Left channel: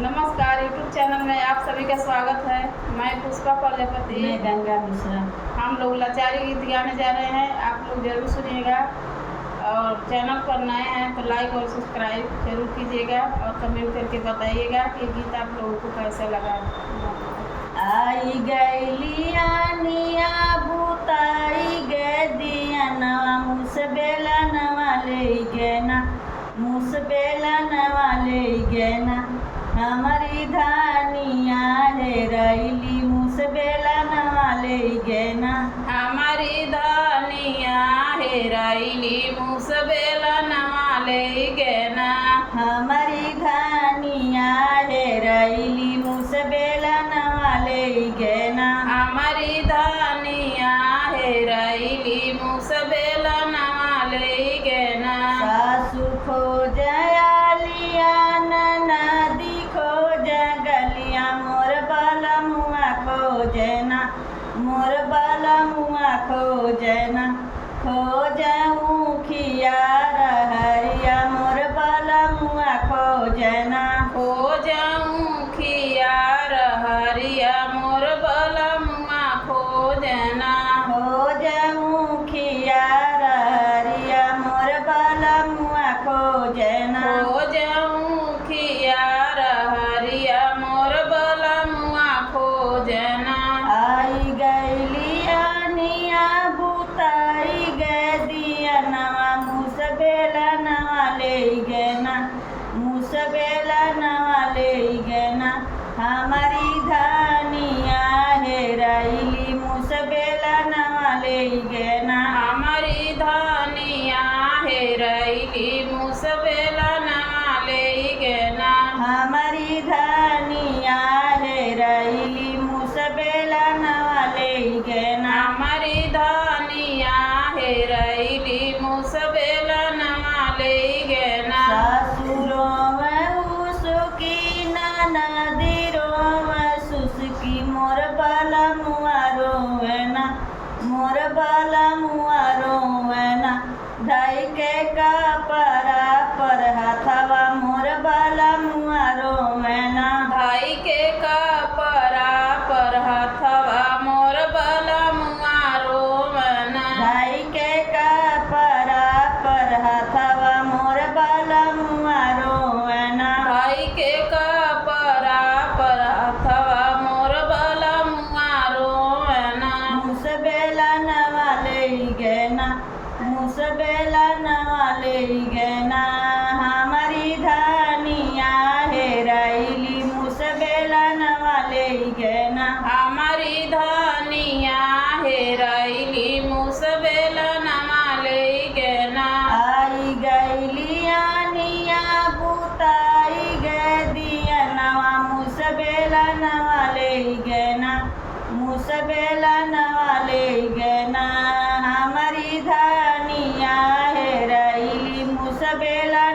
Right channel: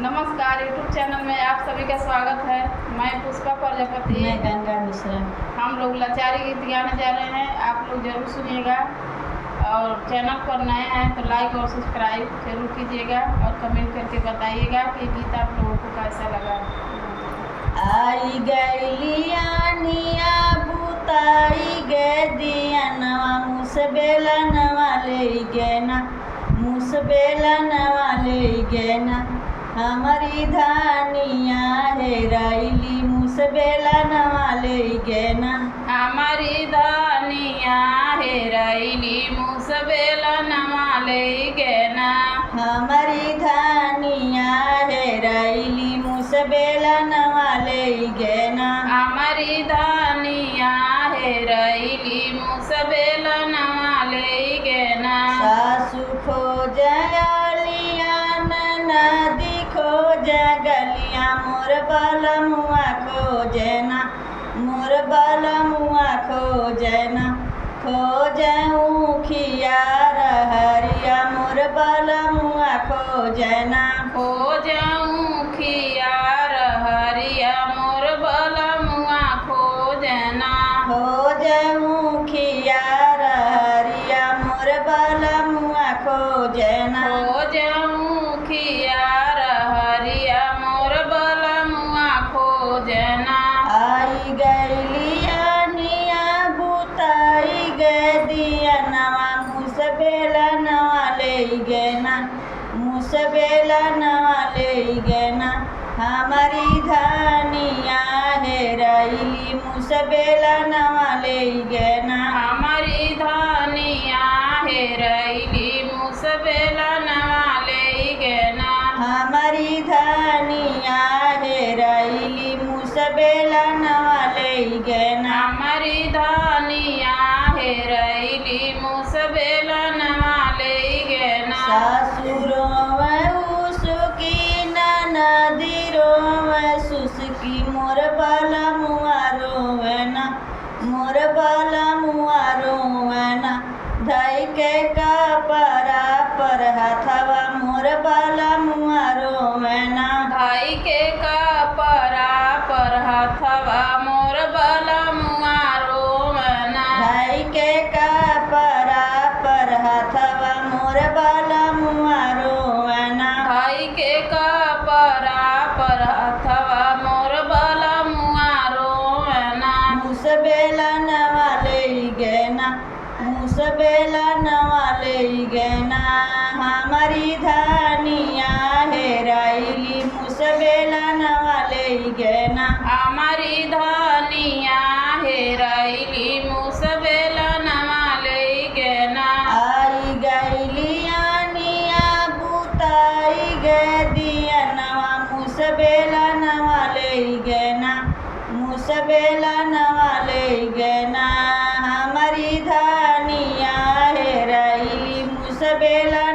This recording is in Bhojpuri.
नमस्कार, यूट्यूब चैनल में आप सभी का स्वागत है। मैं पुष्पा प्रजापति। मैं गंगा मिश्रा। हम लोग लाचारी गीत गाने जा रहे हैं, आप लोग जरूर सुनिएगा। और चैनल पर नए हैं तो लाइक और सब्सक्राइब जरूर कीजिएगा और कमेंट करके बताइएगा कि गीत आप लोगों को कैसा लगा। आई गैलिया निया बुताई गे दिया नवा मुसबेला नवा ले गेना, मुसबेला नवा ले गेना। हमारी धानिया है रैली मुसबेला नवा ले गेना, हमारी धानिया है रैली मुसबेला नवा ले गेना, हमारी धानिया है रैली मुसबेला नवा ले गेना, हमारी धानिया है रैली मुसबेला नवा ले गेना। सासु खोजलिया नदी खोजगलिया मोर बलमुआ खोजना, मोर बलमुआ खोजना। खोजऊँ खियार हरिया मोर बलमुआ खोजना, खोजऊँ खियार हरिया मोर बलमुआ खोजना, खोजऊँ खियार हरिया मोर बलमुआ खोजना। खोजऊँ खियार हरिया मोर बलमुआ खोजना। आई गैलिया निया बुताई गे दिया नवा मुसबेला नवा ले गेना, मुसबेला नवा ले गेना। हमारी धानिया है रैली मुसबेला नवा ले गेना, हमारी धानिया है रैली मुसबेला नवा ले गेना, हमारी धानिया है रैली मुसबेला नवा ले गेना। हमारी धानिया है रैली मुसबेला नवा ले गेना। सासुरों उसकी ननदिरों सुसकी मोर बलमुआ रोवेना, मोर बलमुआ रोवेना। धई के कपड़ा पर हाथवा मोर बलमुआ रोवेना, भाई के कपड़ा पर हथवा मोर बलमुआ रोवना, धई के कपड़ा पर हाथवा मोर बलमुआ रोवेना। भाई के कपड़ा पर हथवा मोर बलमुआ रोवना। मुसबेला नवा ले गेना, मुसबेला नवा ले गेना। हमारी धानिया है रैली मुसबेला नवा ले गेना, हमारी धानिया है रैली मुसबेला नवा ले गेना। आई गैलिया निया बुताई गे दिया नवा मुसबेला नवा ले गेना, मुसबेला नवा ले गेना। हमारी धानिया है रैली मुसबेला